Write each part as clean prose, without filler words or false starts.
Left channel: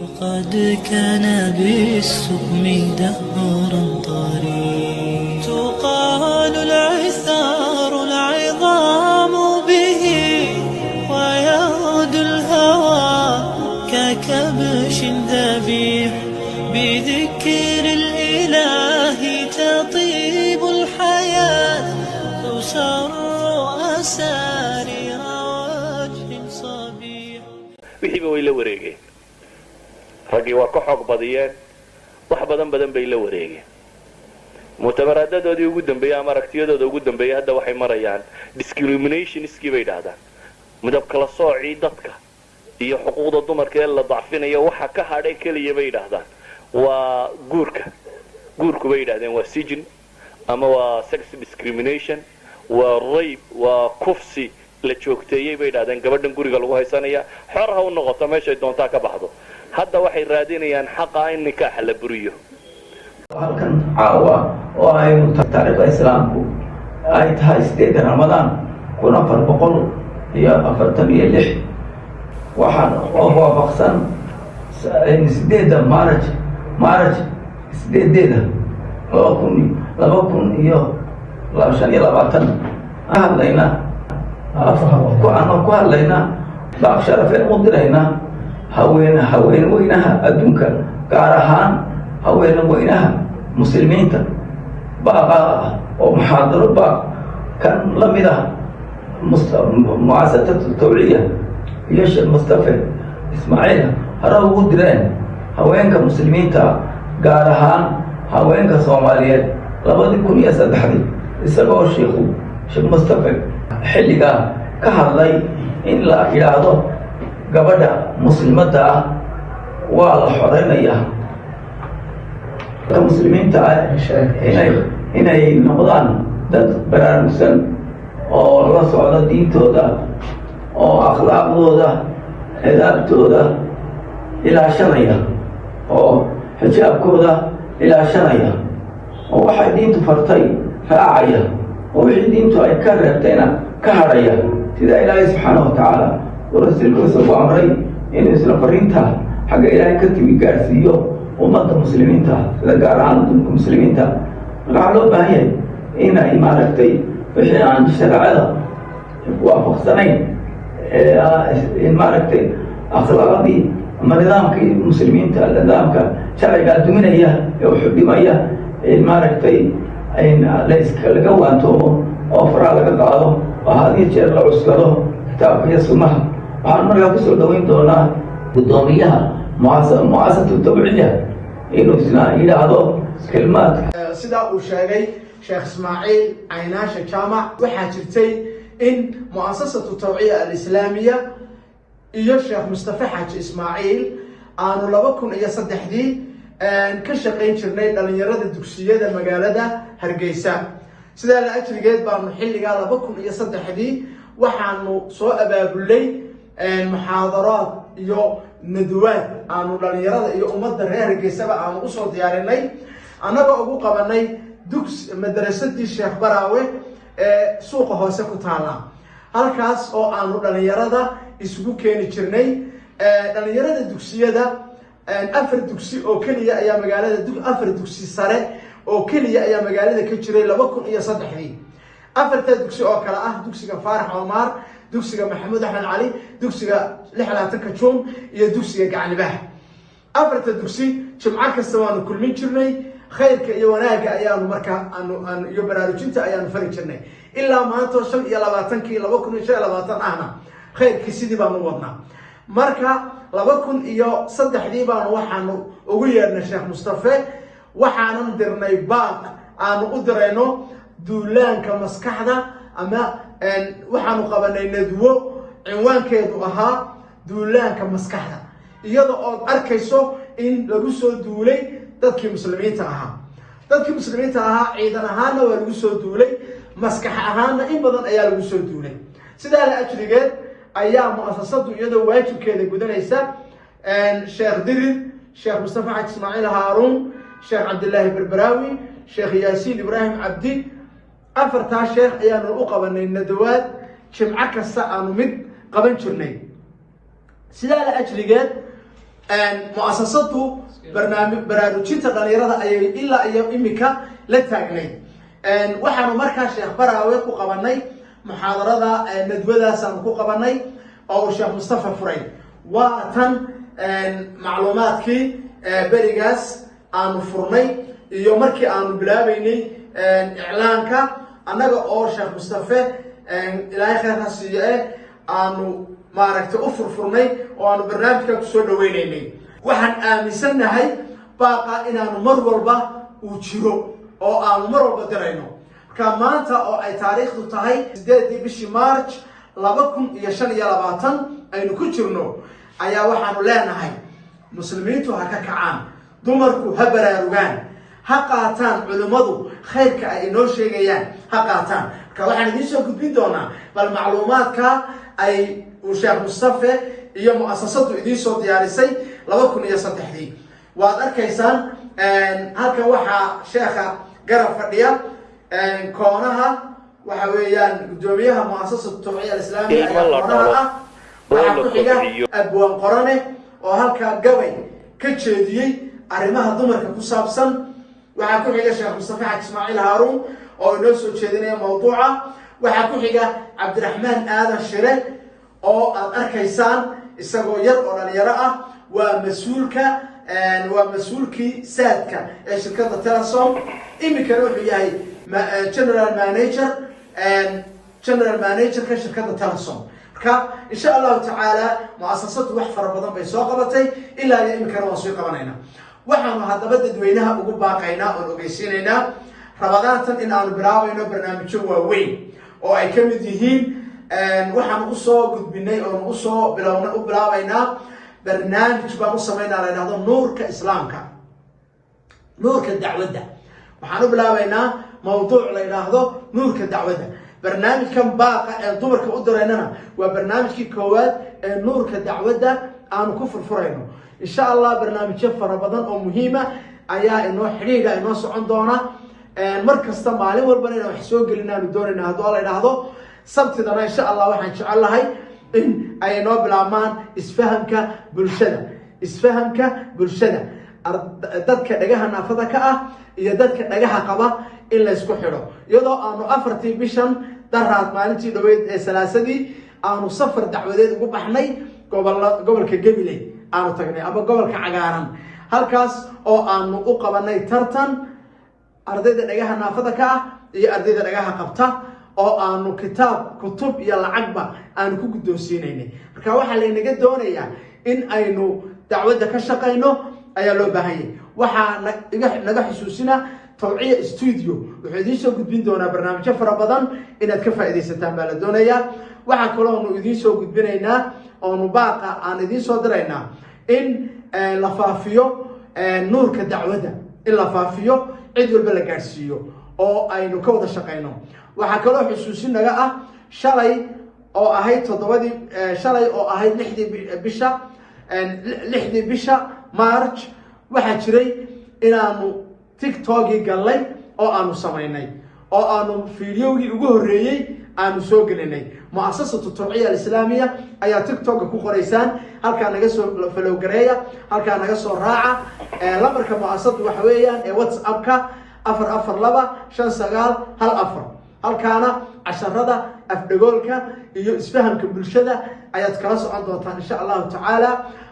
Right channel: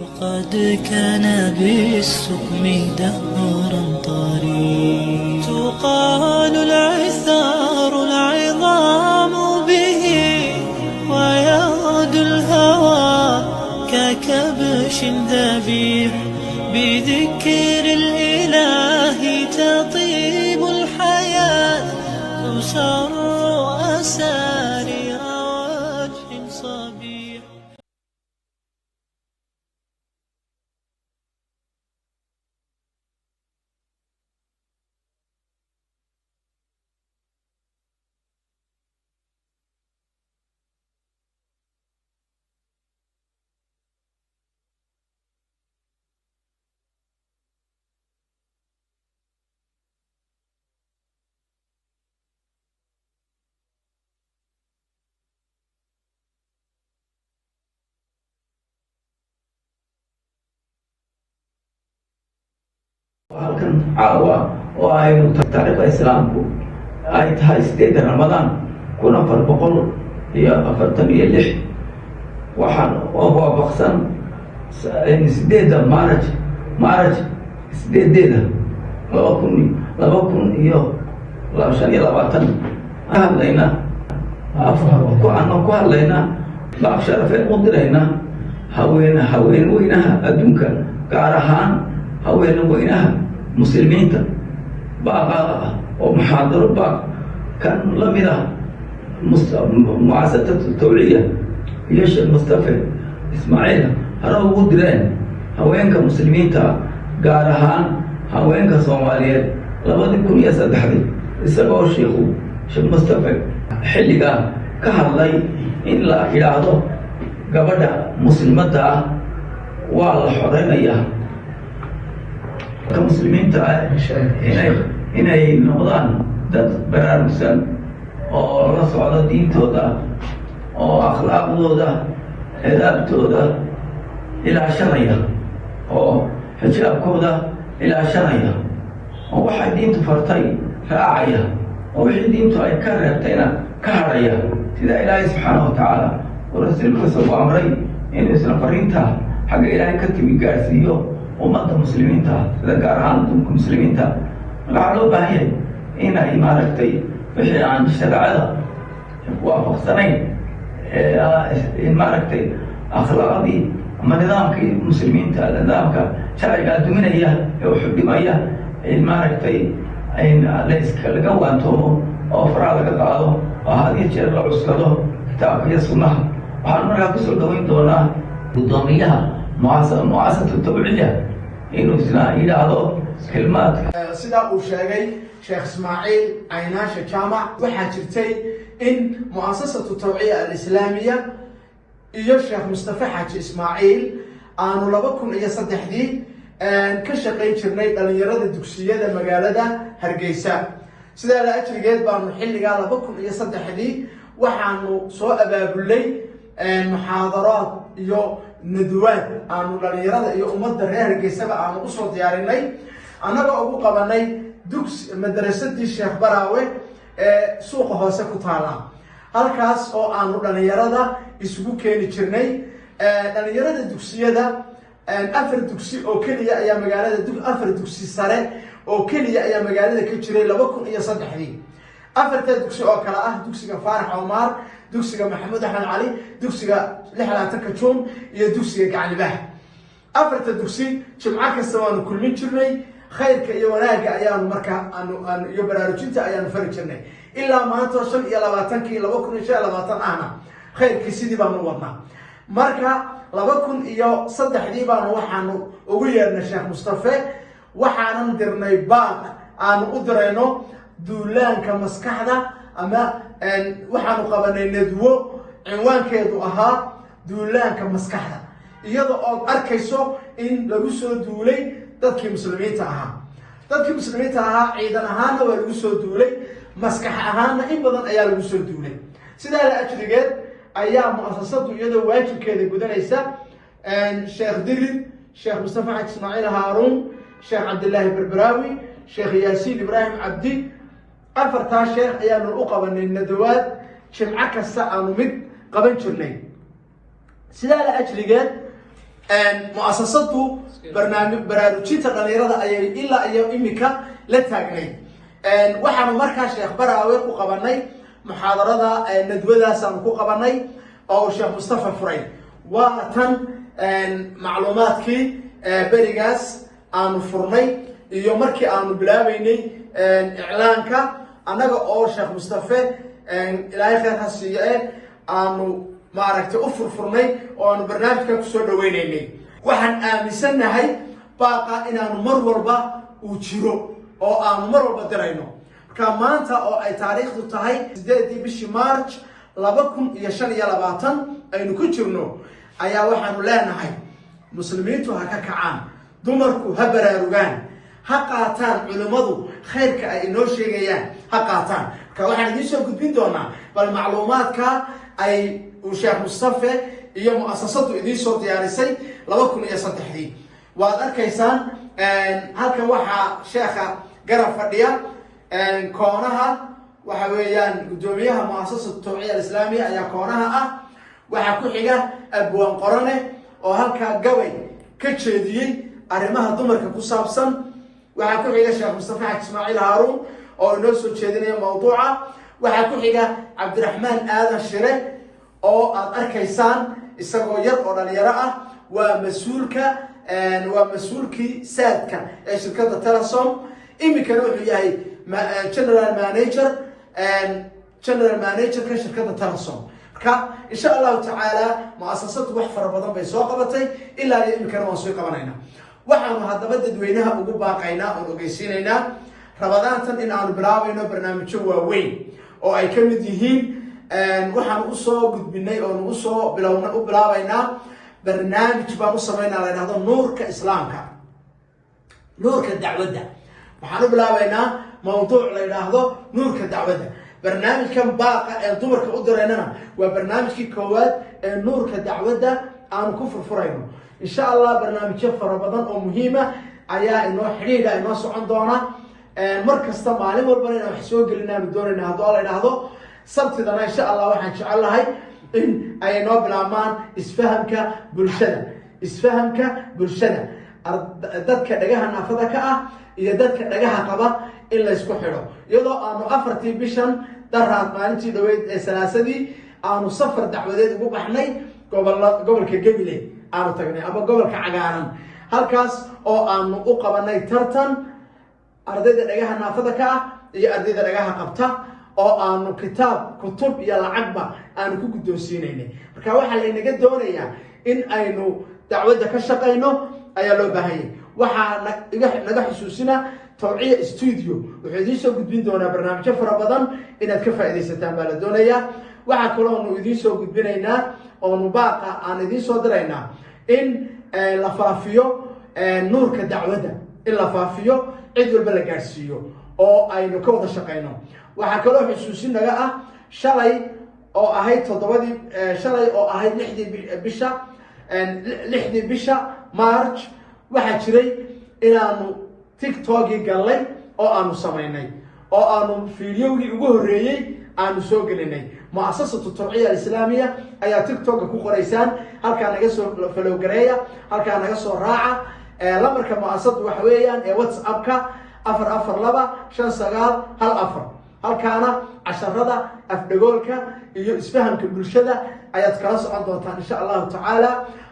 وقد كان بالسقم دهرا طريق تقال العثار العظام به ويغدو الهوى ككبش ذبيح بذكر الإله تطيب الحياة تسر أسارير وجه صبيح wixii way la wareegeen ragii waa ka xoog badiyeen wax badan bay la wareegeen mutamaraadadoodii ugu dambeeyay ama aragtiyadooda ugu dambeeyay hadda waxay marayaan discrimination iskii bay dhaahdaan midab kala soocii dadka iyo xuquuqda dumarka ee la dacfinayo waxa ka hadhay kaliya bay dhaahdaan waa guurku bay yidhaahdeen waa sijin ama waa sex discrimination waa rape waa kufsi la joogteeyay bay yidhaahdeen gabadhan guriga lagu haysanaya xor ha u noqoto meeshay doontaa ka baxdo hadda waxay raadinayaan xaqa in nikaaxa la buriyo halkan caawa oo aynu taariikhda islaamku ay tahay 8 Ramadaan 1446 waxaan waafaqsan 8 Maarch 8 hadlayna ku hadlaynaa baaq sharafeen u diraynaa haweenweynaha adduunka gaar ahaan haweenweynaha muslimiinta baaqa oo muxaadaro baaq kan la mid ah mu'asasatu tawciya iyo sheekh Mustafa Ismaaciil hore ugu direen haweenka muslimiinta gaar ahaan haweenka Soomaaliyeed 2003 isagoo sheekh Mustafa xilliga ka hadlay in la yiraahdo gabadha muslimada ah waa la xoreynayaa muslimiinta inay noqdaan dad baraarugsan oo la socda diintooda oo akhlaaqdooda adaabtooda ilaashanaya oo xijaabkooda ilaashanaya oo waxay diintu fartay raacaya oo wixii diintu ay ka reebtayna ka hadhaya sida ilaahay subxaanahu wa tacaala ورسولكم أمري إن إسلام فرينتها حاجة إلهي كتب جالسيو ومضى مسلمين تها لقاران مسلمين تها قالوا باهي إن إمارتي فشي عن الشرع هذا وافق سنين إمارتي أخلاقي أما نظامك مسلمين تها نظامك شرع قالت من هي يوحب ما هي إمارتي إن ليس كالقوة أنتم أوفر لك قالوا وهذه الشرع عسكره كتاب يسمها waxaan markaa kusoo dhaweyn doonaa gudoomiyaha mu'asasatu tawciya inuu isna yidhaahdo kelmaad sidaa uu sheegay sheekh Ismaaciil Caynaashe Jaamac waxaa jirtay in mu'asasatu tawciya al-islaamiya iyo sheekh Mustafa Xaaji Ismaaciil aanu 2003 ka shaqayn jirnay dhalinyarada dugsiyada magaalada Hargeysa sidaa la ajrigeed baanu xilliga 2003 waxaanu soo abaabulay محاضرات iyo nadwaad aanu dhalinyarada iyo ummadda reer Hargeysaba aanu u soo diyaarinay anaga ugu qabanay dugsi madrasadii Sheekh Baraawe ee suuqa hoose ku taala halkaas oo aanu dhalinyarada isugu keeni jirnay dhalinyarada dugsiyada afar dugsi oo kaliya ayaa magaalada afar dugsi sare oo kaliya ayaa magaalada ka jiray 2003 afarta dugsi oo kala ah dugsiga Faarax Omar dugsiga Maxamed Axmed Cali dugsiga 66 Juun iyo dugsiga Gacalibah afarta dugsi jimca kasta waanu kulmin jirnay khayrka iyo wanaaga ayaanu markaa aan iyo baraarujinta ayaanu fari jirnay ilaa maanta 2025 ahna khayrkii sidii baanu wadnaa marka 2003 baanu waxaanu ugu yeernay Sheekh Mustafa waxaanu dirnay baaq aanu u dirayno duulaanka maskaxda ama waxaanu qabanay nadwo cinwaankeedu ahaa duulaanka maskaxda iyadoo oo arkayso in lagu soo duulay dadkii muslimiinta ahaa ciidan ahaana waa lagu soo duulay maskax ahaana in badan ayaa lagu soo duulay sidaa la ajrigeed ayaa mu'asasadu iyadoo waajibkeeda gudanaysa sheekh Dirir sheekh Mustafa Xaaji Ismaaciil Haaruun sheekh Cabdullaahi Barbaraawi sheekh Yaasiin Ibraahim Cabdi afartaa sheekh ayaanu u qabanay nadawaad jimca kasta aanu mid qaban jirnay sidaa la ajrigeed mu'asasadu baraarujinta dhalinyarada ayay ilaa iyo imika la taagnay waxaanu markaa sheekh baraawe ku qabanay muxaadarada nadwadaasaan ku qabanay oo sheekh mustafa furay waa tan macluumaadkii berigaas aanu furnay iyo markii aanu bilaabaynay iclaanka annaga oo sheekh mustafe ilaahay khayrka siiye aanu maaragtay u furfurnay oo aanu barnaamijka kusoo dhaweynaynay waxaan aaminsannahay baaqa inaanu mar walba uu jiro oo aanu mar walba dirayno marka maanta oo ay taariikhdu tahay 8 bishii March 2025 aynu ku jirno ayaa waxaanu leenahay muslimiintu ha ka kacaan dumarku ha baraarugaan ha qaataan culimadu khayrka ay inoo sheegayaan ha qaataan marka waxaan idiin soo gudbin doonaa bal macluumaadka ay sheekh mustafa iyo mu'asasadu idiin soo diyaarisay 2003 waad arkaysaan halkan waxaa sheekha garab fadhiya koonaha waxa weeyaan gudoomiyaha mu'asasada tawciya islaamiga ayaa koonaha ah waxaa ku xiga abwaan qorane oo halkaa gabay ka jeediyey arrimaha dumarka ku saabsan waxaa ku xiga sheekh mustafa xaaji ismaaciil haaruun oo inoo soo jeedinaya mawduuca waxaa ku xiga cabdiraxmaan aadan shire oo aad arkaysaan isagoo yar oo dhalinyaro ah waa mas-uulkii saadka ee shirkadda telesom iminkana wuxuu yahay general managerka shirkadda telesom marka insha allahu tacaala mu'asasadu wax fara badan bay soo qabatay ilaa iyo iminkana waan soo qabanayna waxaanu haddaba dadweynaha ugu baaqaynaa oon ogeysiinaynaa rabadaantan in aanu bilaabayno barnaamijyo waaweyn oo ay ka mid yihiin waxaanu usoo gudbinay oonu usoo u bilaabaynaa barnaamij baan u samaynaa la yidhahdo nuurka islaamka nuurka dacwadda waxaan u bilaabaynaa mawduuc la yidhaahdo nuurka dacwadda barnaamijkan baaqa ee dumarka u direynana waa barnaamijkii koowaad ee nuurka dacwadda aanu ku furfurayno insha allah barnaamijyo fara badan oo muhiima ayaa inoo xidhiidha inoo socon doona mar kasta maalin walbana inaan wax soo gelin aanu doonayna hadduu la yidhaahdo sabtidana insha allah waxaan jecel lahay in ay noo bilaabmaan isfahamka bulshada dadka dhagaha naafada ka ah iyo dadka dhagaha qaba in la isku xidho iyadoo aanu 4tii bishan daraad maalintii dhaweyd ee salaasadii aanu safar dacwadeed ugu baxnay gobolka Gabiley aanu tagnay ama gobolka cagaaran halkaas oo aanu u qabanay tartan ardayda dhagaha naafada ka ah iyo ardayda dhagaha qabta oo aanu kutub iyo lacagba aanu ku guddoonsiinaynay marka waxaa laynaga doonayaa in aynu dacwadda ka shaqayno ayaa loo baahan yahay waxaa naga xusuusina tawciya studio wuxuu idiin soo gudbin doonaa barnaamijyo fara badan inaad ka faa'iidaysataan baa la doonayaa waxaa kaloonu idiin soo gudbinaynaa oonu baaqa aan idiin soo diraynaa in la faafiyo nuurka dacwadda in la faafiyo cid walba la gaadhsiiyo oo aynu ka wada shaqayno waxaa kaloo xusuusin naga ah shalay oo ahayd 6 bisha March waxaa jiray inaanu TikTok-ii galnay oo aanu samaynay oo aanu fiidiyowgii ugu horreeyay aanu soo gelinay mu'asasatu tawciya islaamiya ayaa TikTok ku qoraysaan halkaa naga soo follow gareeya halkaa naga soo raaca lambarka mu'asasadu waxa weeyaan ee WhatsApp-ka 4425914 halkaana casharada afdhagoolka iyo isfahamka bulshada ayaad kala socon doontaan insha allahu tacaala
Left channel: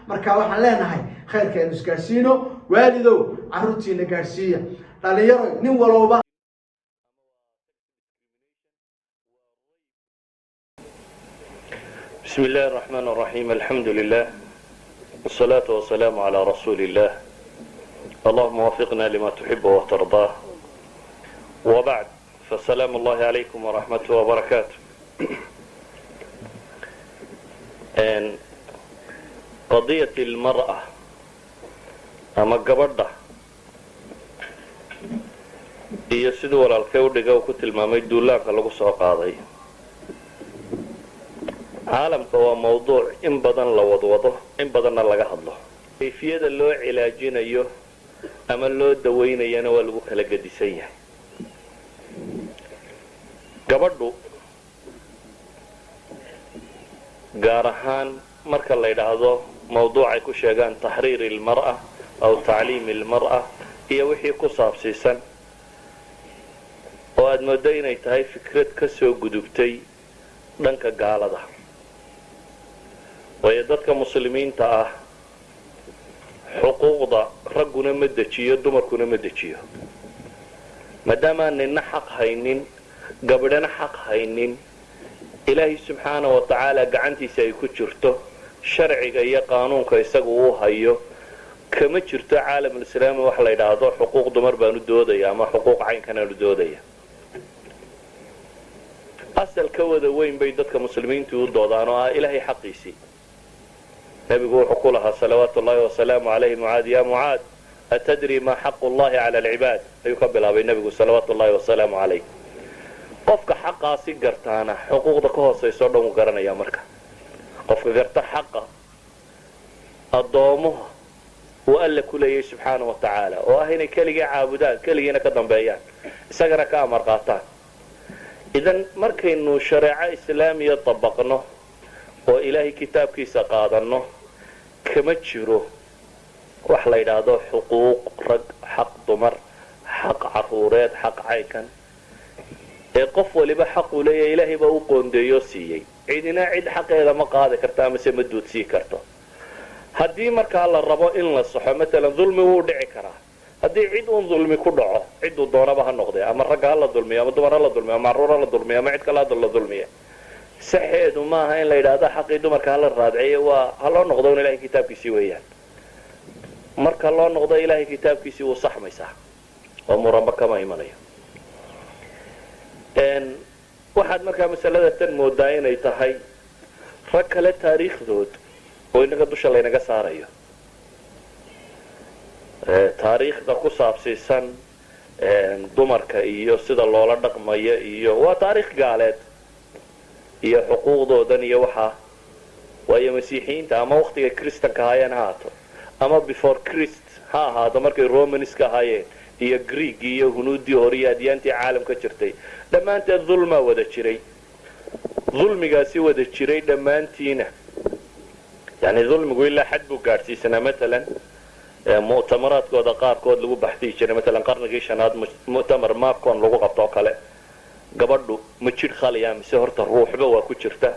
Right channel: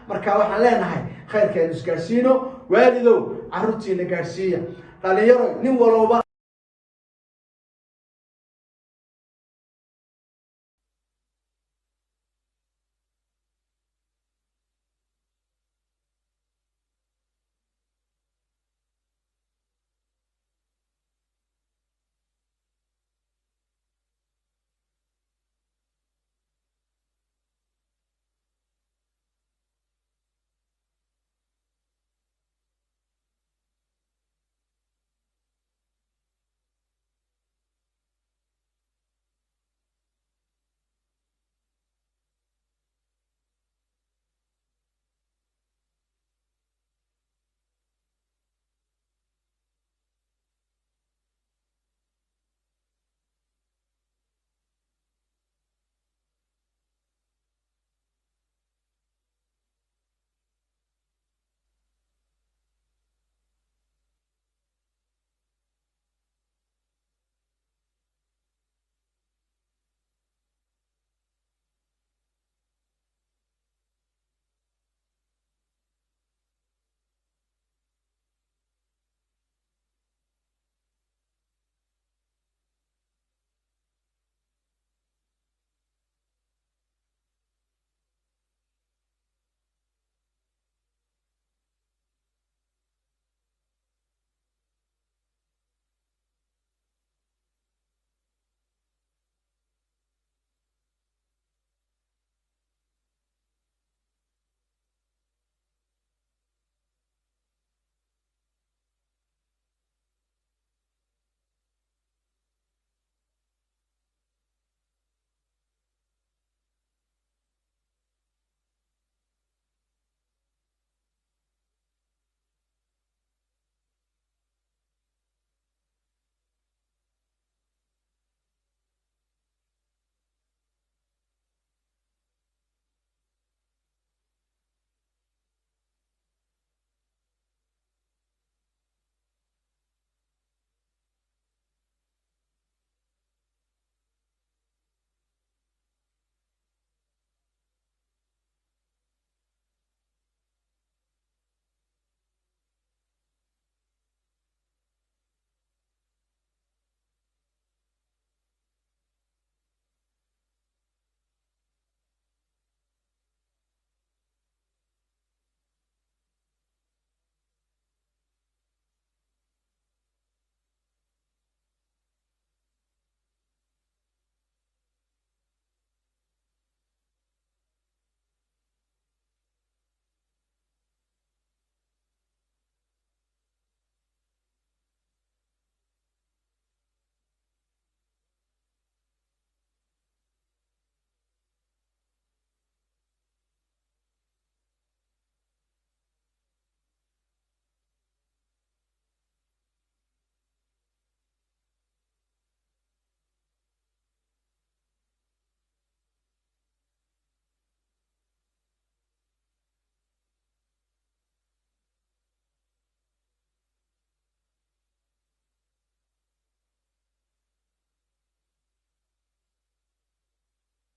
marka waxaan leenahay khayrkeenu isgaarsiino waalidow carruurtiina gaarsiiya dhalinyaro nin walooba بسم الله الرحمن الرحيم الحمد لله والصلاة والسلام على رسول الله اللهم وفقنا لما تحب وترضاه وبعد فالسلام الله عليكم ورحمته وبركاته قضية المرأة أما قبضة هي سيدو ولا الكودة أو كتل ما ميدو لك لغو سوق هذا عالم هو موضوع إن بدن لوضوضه إن بدن لغا هضله كيفية اللو علاجين أيوه أما اللو دوين أيانا والغو خلق ديسيه gabadhu gaar ahaan marka la yidhaahdo mawduucay ku sheegaan taxriir ilmar'a aw tacliim ilmar'a iyo wixii ku saabsiisan oo aad moodo inay tahay fikrad ka soo gudubtay dhanka gaalada. waayo dadka muslimiinta ah xuquuqda ragguna ma dejiyo dumarkuna ma dejiyo. maadaamaan nina xaq haynin gabadhana xaq haynin ilaahay subxaana wa tacaala gacantiisa ay ku jirto sharciga iyo qaanuunka isagu uu hayo kama jirto caalamulislaami wax la yidhaahdo xuquuq dumar baanu doodaya ama xuquuq caynkanaanu doodaya. asal ka wada weyn bay dadka muslimiintu u doodaan oo ah ilaahay xaqiisii. nebigu wuxuu ku lahaa salawaatu ullaahi wasalaamu calayhi mucaad ya mucaad atadri maa xaqu llahi cala alcibaad ayuu ka bilaabay nebigu salawaatu ullaahi wasalaamu calayh. qofka xaqaasi gartaana xuquuqda ka hoosayso o dhan uu garanaya. marka qofka garta xaqa addoomuha uu alla ku leeyahay subxaana wa tacaala oo ah inay keligii caabudaan keligiina ka dambeeyaan isagana ka amar qaataan. idan markaynu shareeco islaamiya dabaqno oo ilaahay kitaabkiisa qaadanno kama jiro wax la yidhaahdo xuquuq rag xaq dumar xaq caruureed xaq caynkan ee qof waliba xaquu leeyahay ilaahay baa u qoondeeyoo siiyey. cidina cid xaqeeda ma qaadi karto amase ma duudsii karto. haddii markaa la rabo in la saxo maalan dulmi wuu dhici karaa. haddii cid uun dulmi ku dhaco cidduu doonaba ha noqdee ama ragga ha la dulmiyo ama dumar ha la dulmiyo ama carruur ha la dulmiyo ama cid kale ha la dulmiya saxeedu maaha in la yidhaahdo xaqii dumarka hala raadciyo waa ha loo noqdo un ilahay kitaabkiisii weeyaan. marka loo noqdo ilaahay kitaabkiisii wuu saxmaysaa oo muranba kama imanayo. waxaad markaa masalada tan moodaa inay tahay rag kale taariikhdood oo inaga dusha laynaga saarayo. taariikhda ku saabsiisan dumarka iyo sida loola dhaqmayo iyo waa taariikh gaaleed iyo xuquuqdoodan iyo waxaa. waayo masiixiyiinta ama waktiga kristanka ahaayeen ha ahaato ama before christ ha ahaato markay romanska ahaayeen iyo greeg iyo hunuuddii hore iyo adyaantii caalamka jirtay dhammaanteed dulmaa wada jiray. dulmigaasi wada jiray dhammaantiina yani dulmigu ilaa xad buu gaadhsiisanaa. maalan mu'tamaraadkooda qaarkood lagu baxdiyi jiray maalan qarnigii shanaad mu'tamar maabkon lagu qabto oo kale gabadhu ma jidh khaliya mise horta ruuxba waa ku jirta.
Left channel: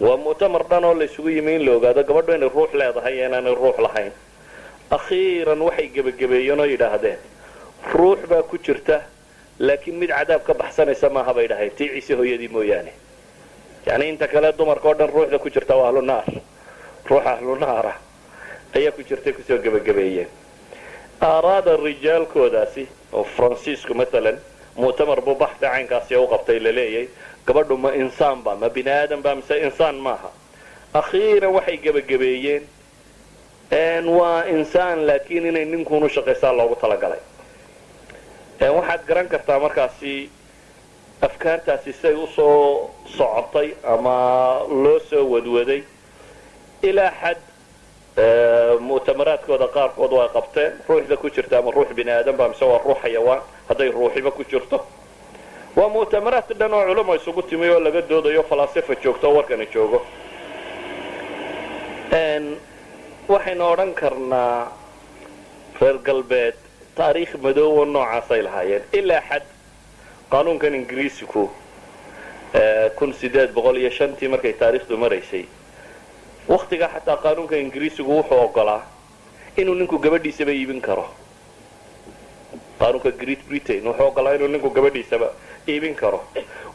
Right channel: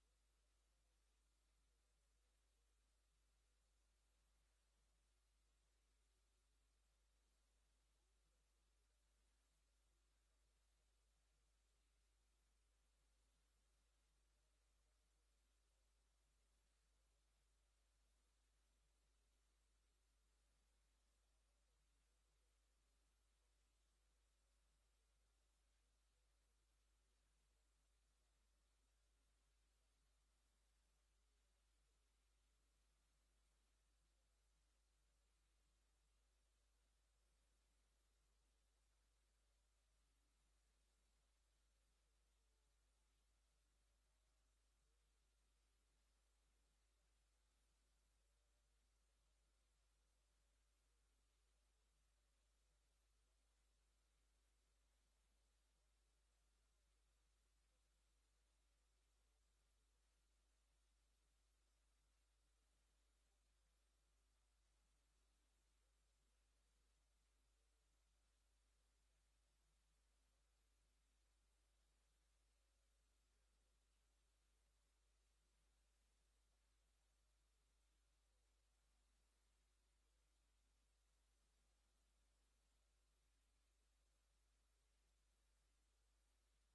waa mu'tamar dhan oo la isugu yimi in la ogaado gabadhu inay ruux leedahay iyo inaanay ruux lahayn. akhiiran waxay gebagabeeyeen oo yidhaahdeen ruux baa ku jirta laakiin mid cadaab ka baxsanaysa maaha bay dhahayn tii ciise hooyadii mooyaane. yani inta kale dumarka oo dhan ruuxda ku jirta waa ahlu naar. ruux ahlu naara ayaa ku jirtay kusoo gebagabeeyeen. aaraada rijaalkoodaasi oo faransiisku maalan mu'tamar buu baxda caynkaasi u qabtay la leeyahay gabadhu ma insaan ba ma bini aadan ba mise insaan maaha. akhiiran waxay gebagabeeyeen waa insaan laakiin inay ninkuunu shaqaysaa loogu talagalay. waxaad garan kartaa markaasi afkaartaasi say usoo socotay ama loo soo wadwaday ilaa xad mu'tamaraadkooda qaarkood waa qabteen ruuxda ku jirta ama ruux bini aadan ba mise waa ruux xayawaan hadday ruuxiba ku jirto. waa mu'tamaraad dhan oo culamo isugu timi oo laga doodayo falaasifa joogto oo warkani joogo. waxaynu odhan karnaa reer galbeed taariikh madoobo noocaasay lahaayeen ilaa xad. qaanuunkan ingiriisiku 1805 markay taariikhdu maraysay waktigaa xataa qaanuunka ingiriisigu wuxuu ogolaa inuu ninku gabadhiisaba iibin karo. qaanuunka great britain wuxuu ogolaa inuu ninku gabadhiisaba iibin karo.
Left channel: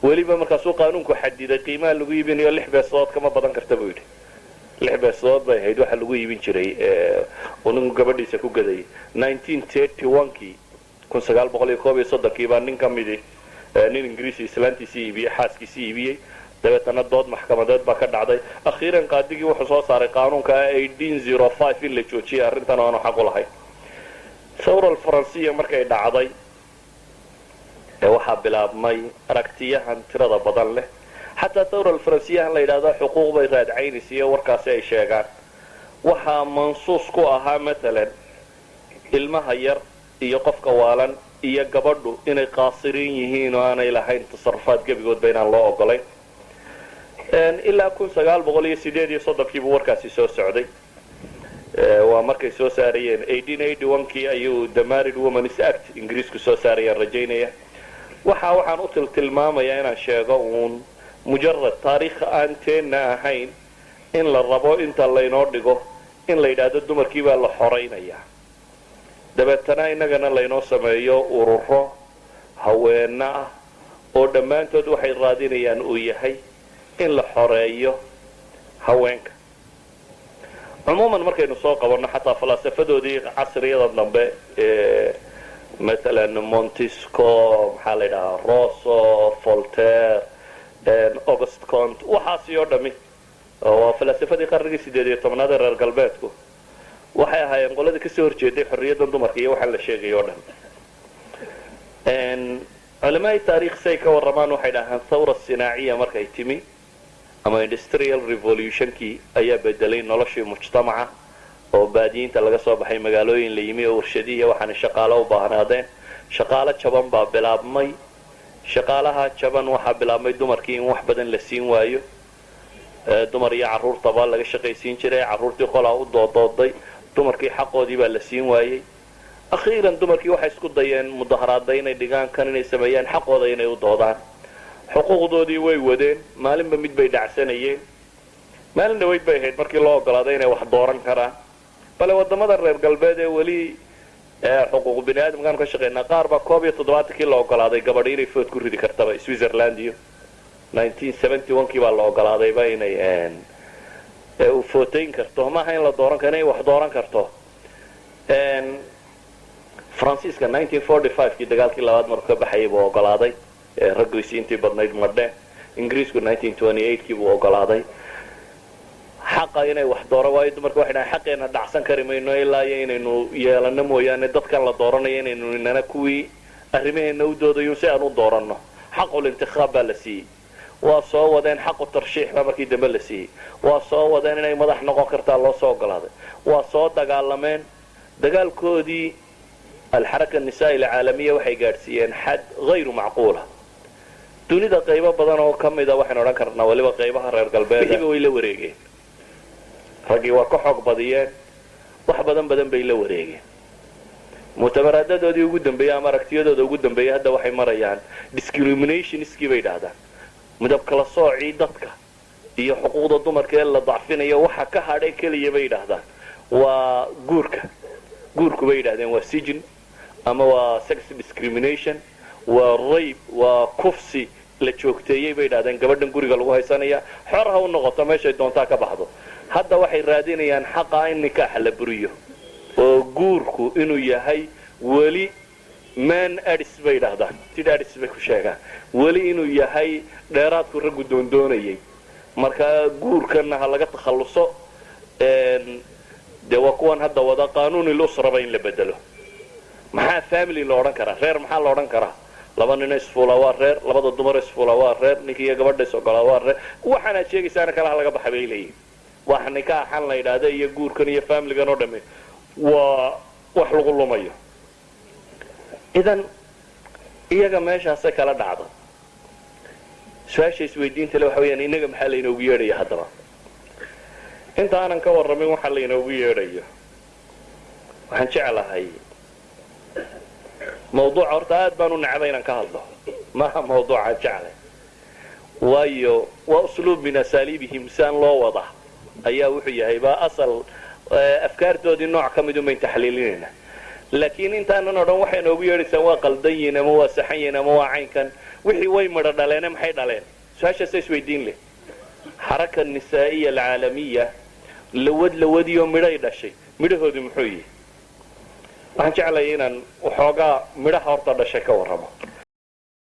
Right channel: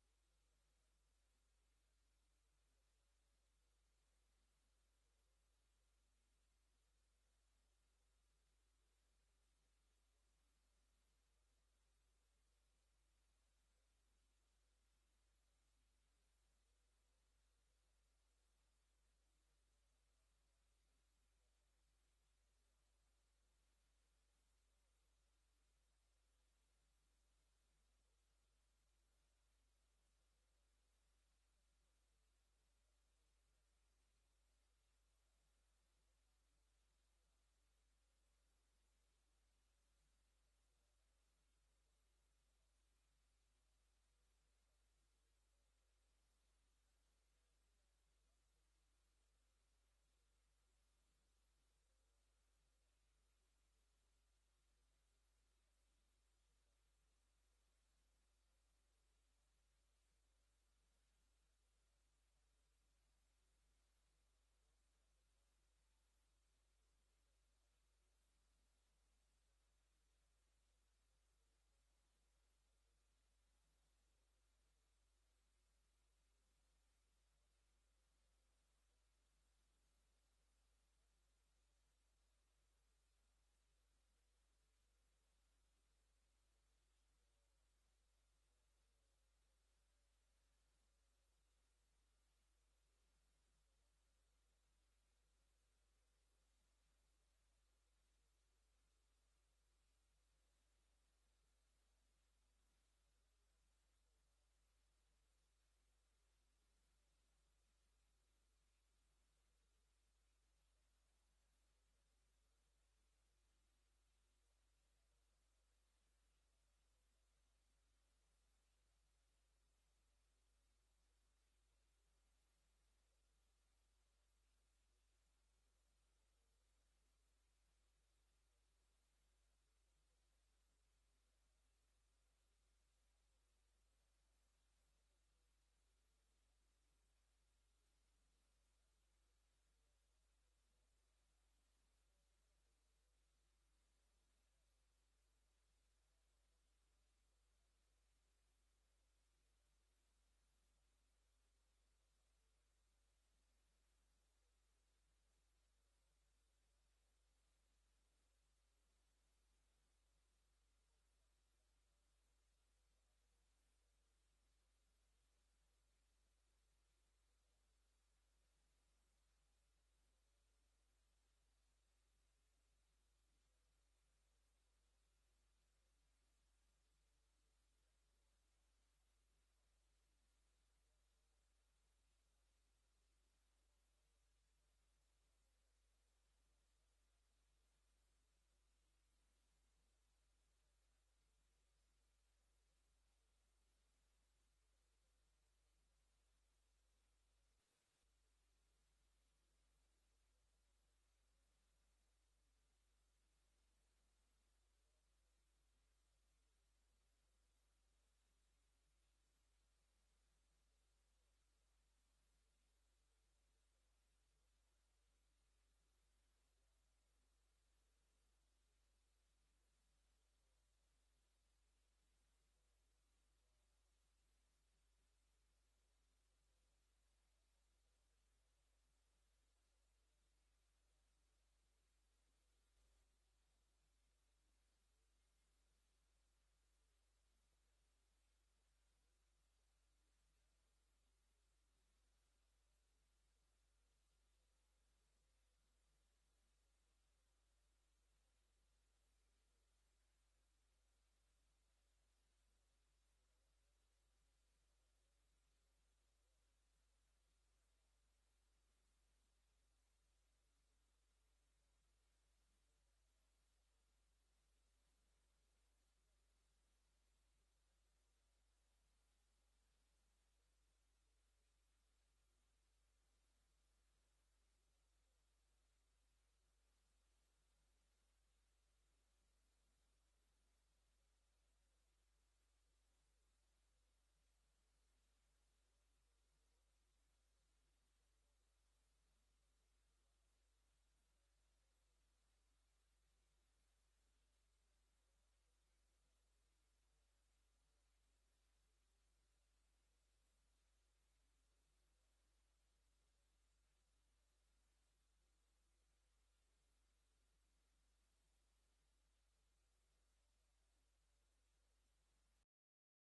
weliba markaasuu qaanuunku xadiday qiimaha lagu iibinayo 6 beesadood kama badan karta buu yidhi. 6 beesadood bay ahayd waxa lagu iibin jiray uu ninku gabadhiisa ku gadayay. 1931kii 1931 baa nin ka midi nin ingiriisi islaantiisii iibiyey xaaskiisii iibiyey dabeetana dood maxkamadeed baa ka dhacday. akhiiran qaadigii wuxuu soo saaray qaanuunka 1805 in la joojiyay arrintan aanu xaq u lahayn. thawra alfaransiya markay dhacday waxaa bilaabmay aragtiyahan tirada badan leh. xataa thawra alfaransiyahan la yidhaahdo xuquuq bay raadcaynaysa iyo warkaasi ay sheegaan. waxaa mansuus ku ahaa maalan ilmaha yar iyo qofka waalan iyo gabadhu inay qaasiriin yihiin oo aanay lahayn tasarufaad gebigoodba inaan loo ogolayn. ilaa 1938 buu warkaasi soo socday. waa markay soo saarayeen 1881kii ayuu the Married Women's Act ingiriisku soo saarayeen rajaynaya waxaan u tilmaamayaa inaan sheego uun mujarrad taariikh aan teena ahayn in la rabo inta laynoo dhigo in la yidhaahdo dumarkii baa la xoraynayaa dabeetana innagana laynoo sameeyo ururo haweena ah oo dhammaantood waxay raadinayaan uu yahay in la xoreeyo haweenka cumuuman markaynu soo qabanno xataa falsafadoodii casriyada dambe مثلا مونتسكو maxaa la yidhahaa rosso voltaire august comte waxaasi oo dhami waa falsafadii qarnigii 18aad ee reer galbeedku waxay ahaayeen qoladii ka soo horjeeday xorriyadda dumarka iyo waxa la sheegay oo dhan علماء taariikh say ka waramaan waxay dhahaan thawra sinaaciya markay timi ama industrial revolutionkii ayaa bedelay noloshii mujtamaca oo baadiyiinta laga soo baxay magaalooyin la yimi oo warshadiye waxaan shaqaale u baahnaadeen shaqaale jaban baa bilaabmay shaqaalaha jaban waxa bilaabmay dumarkii in wax badan la siin waayo dumar iyo caruurtaba laga shaqaysiin jiray caruurtii qolaa u doodooday dumarkii xaqoodii baa la siin waayay akhiiran dumarkii waxay isku dayeen mudaharaad inay dhigaan kan inay sameeyaan xaqooda inay u doodaan xuquuqdoodii way wadeen maalinba mid bay dhacsanayeen maalin dhaweyd bay ahayd markii loo ogolaaday inay wax dooran karaan bale wadamada reer galbeed ee weli xuquuq bini'aadamkaan ka shaqeynaa qaar baa 71kii la ogolaaday gabadh inay food ku ridi kartaba Switzerland iyo 1971kii baa la ogolaadayba inay u footayn karto maaha in la dooran karo inay wax dooran karto Francisca 1945kii dagaalkii labaad markuu ka baxayay buu ogolaaday raggiisii intii badnayd madheen ingiriisku 1928kii buu ogolaaday xaqa inay wax dooran waayo dumarku waxay dhahaan xaqeena dhacsan kari mayno ilaa inaynu yeelano mooyaane dadkan la dooranayo inaynu inana kuwii arrimaheena u doodayo si aan u dooranno xaqul intikhab baa la siiyey waa soo wadeen xaqu tarshiix baa markii dambe la siiyey waa soo wadeen inay madax noqon kartaa loo soo ogolaaday waa soo dagaalameen dagaalkoodii الحركة النسائية العالمية waxay gaarsiiyeen xad غير معقولة dunida qaybo badan oo kamida waxaan oran karnaa waliba qaybaha reer galbeed way la wareegeen ragii waa ka xog badiyeen wax badan bay la wareegeen mutamaradadoodii ugu dambeeyay ama aragtiyadooda ugu dambeeyay hadda waxay marayaan discrimination iskii bay dhahdaan midab kala soocii dadka iyo xuquuqda dumarka ee la dacfinayo waxa ka hadhay kaliya bay dhahdaan waa guurku bay dhahdeen waa sijin ama waa sex discrimination waa rape waa kufsi la joogteeyay bay dhahdeen gabadhan guriga lagu haysanaya xor ha u noqoto meeshay doontaa ka baxdo hadda waxay raadinayaan xaqa in nikaax la buriyo oo guurku inuu yahay wali man adis bay dhahdaan tidadis bay ku sheegaan wali inuu yahay dheeraadku raggu doondoonayay marka guurkana ha laga takhaluso de waa kuwan hadda wada qaanuuni lusraba in la bedelo maxaa family loo odhan karaa reer maxaa loo odhan karaa laba nin isfuula waa reer labada dumar isfuula waa reer ninkii iyo gabadha isogolaa waa reer waxaana sheegaysaana kala laga baxay bay leeyihiin wax nikaaxan la yidhaahdo iyo guurkan iyo familigan oo dhamme waa wax lagu lumayo idan iyaga meeshaasay kala dhacdo su-aasha isweydiinta le waxa weeyaan inaga maxaa laynoogu yeedhaya haddaba inta aanan ka warramin waxa laynoogu yeedhayo waxaan jeclahay mawduuca horta aad baan u necbay inaan ka hadlo maaha mawduucaan jeclay waayo waa usluub min asaaliibihim saan loo wada ayaa wuxuu yahay baa asal afkaartoodii nooc ka mid umayn taxliilinayna laakiin intaanan o dhan waxay noogu yeedhaysaan waa qaldan yihiin ama waa saxan yihiin ama waa caynkan wixii way midho dhaleene maxay dhaleen su-aashaasa isweydiin leh xaraka nisaa'iya alcaalamiya lawadiyo midhay dhashay midhahoodii muxuu yihi waxaan jeclayay inaan waxoogaa midhaha horta dhashay ka warramo